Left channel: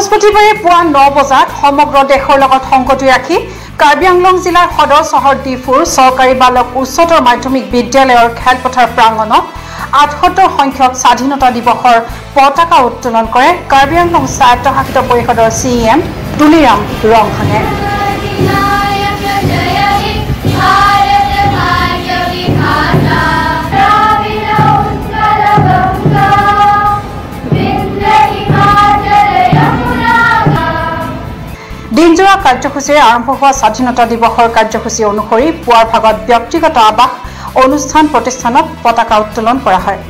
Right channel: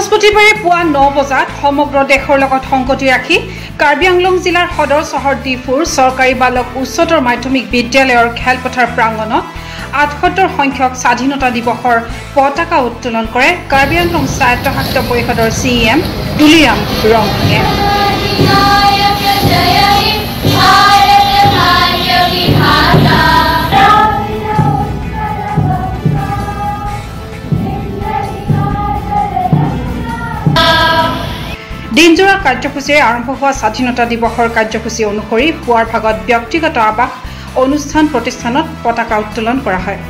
বৃহস্পতিবাৰে পুৱা 9 বজাত সমগ্ৰ দেশৰ লগত সংগতি ৰাখি কাৰ্বি আংলং জিলাৰ সদৰ চহৰ ডিফুৰ চৰকাৰী বালক উচ্চতৰ মাধ্যমিক বিদ্যালয়ৰ খেলপথাৰ প্ৰাংগণত ৭৮ সংখ্যক স্বাধীনতা দিৱসৰ পতাকা উত্তোলন কৰে কাৰ্বি আংলং স্বায়ত্তশাসিত পৰিষদৰ CEM তুলিৰাম ৰংহাঙে। দিনজোৰা কাৰ্যসূচীৰে আৰম্ভ হোৱা স্বাধীনতা দিৱসৰ কাৰ্যসূচী অনুসৰি পুৱাৰ ভাগত ব্যক্তিগত আৱাস অনুষ্ঠান প্ৰতিষ্ঠানত পতাকা উত্তোলন কৰা হয়।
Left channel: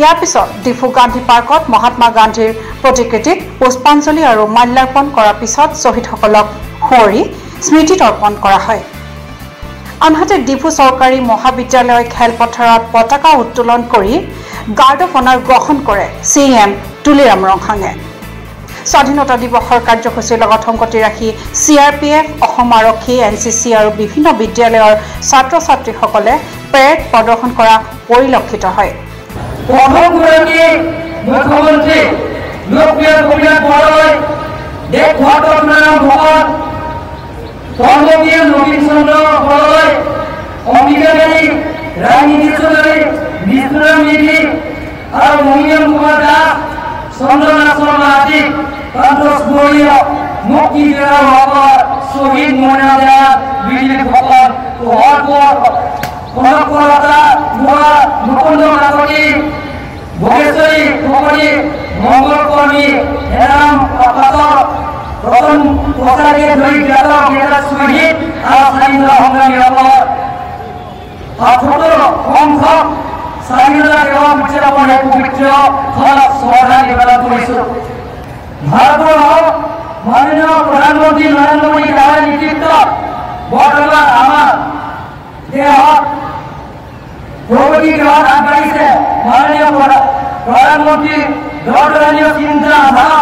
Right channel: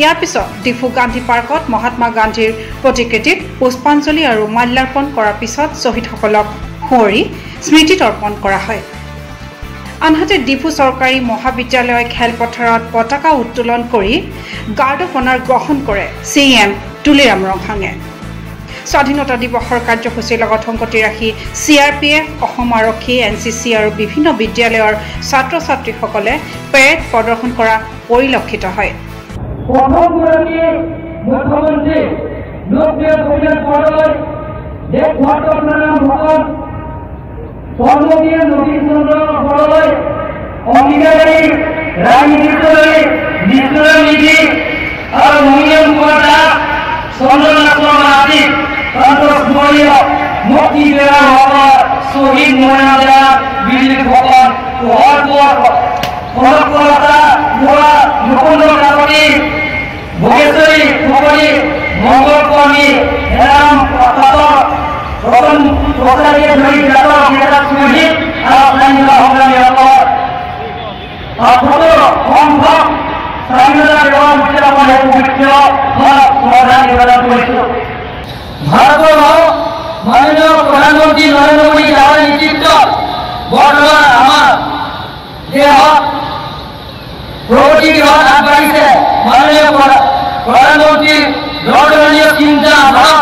ইয়াৰ পিছত ডিফু গান্ধী পাৰ্কত মহাত্মা গান্ধীৰ প্ৰতিকৃতিত পুষ্পাঞ্জলি আৰু মাল্যাৰ্পণ কৰাৰ পিছত শ্বহীদসকলক সোঁৱৰি স্মৃতি তৰ্পণ কৰা হয়। আনহাতে ডিফু চৰকাৰী মহাবিদ্যালয় খেলপথাৰত পতাকা উত্তোলন কৰি গাৰ্ড অফ অনাৰ গ্ৰহণ কৰে CEM তুলিৰাম ৰংহাঙে। স্বাধীনতা দিৱসৰ কাৰ্যসূচীৰ লগত সংগতি ৰাখি CRPF, অসম আৰক্ষী, NCC আৰু বিভিন্ন বিদ্যালয়ৰ ছাত্ৰ ছাত্ৰীসকলে পেৰেড প্ৰদৰ্শন কৰা পৰিলক্ষিত হয়। মুখ্যমন্ত্ৰী লোকপ্ৰিয় কবিতা বৰদলৈ দেশ ভাৰতৰ নাম ভগত কৰ্মবীৰ নবীন চন্দ্ৰ বৰদলৈ অম্বিকাবাৰী ৰাজনীতিকাৰী বিষ্ণুৰাম নিধি আৰু মহিয়ন কুমাৰ দাস চন্দ্ৰনাথ শৰ্মা আদি স্মৰণীয় মুক্তি দেওয়াৰ শহীদ মৰ্যাদাৰ বীৰসকল মুকুন্দ কাকতি ভোগেশ্বৰী ফুকনি মংগল কৰ্মী হেৰাম ৰতন প্ৰসাদীয়ে ধৰি জ্ঞাত শ্বহীদ আৰু স্বাধীনতা সংগ্ৰামীসকল ১৭ সংখ্যক স্বাধীনতা দিৱস উদযাপন পবিত্ৰ শ্ৰদ্ধা নিবেদন কৰিছো। ভাৰতৰ মাননীয় প্ৰধানমন্ত্ৰী নৰেন্দ্ৰ মোদী ডাঙৰ নেতৃত্বত বৰ্তমান আমাৰ দেশত প্ৰগতি দিশত আগবাঢ়িছে। মাননীয় প্ৰধানমন্ত্ৰীৰ দূৰদৰ্শীয় চিন্তা ভাৱ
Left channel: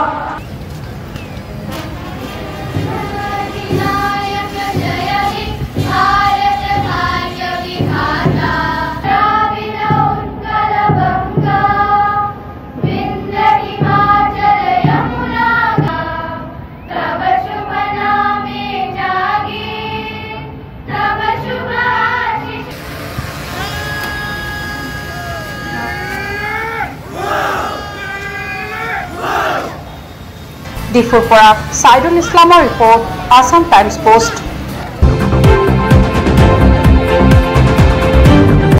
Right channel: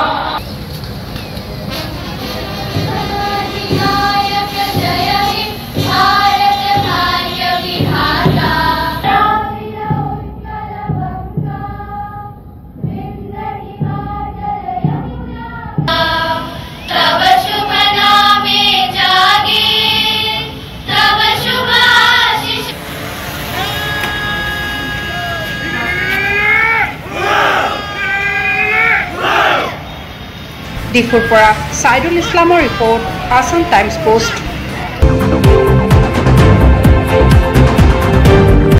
ডিফুৰ পৰা সাইদুল ইছলামৰ ৰিপৰ্ট, আসাম টাইমছ পোষ্ট।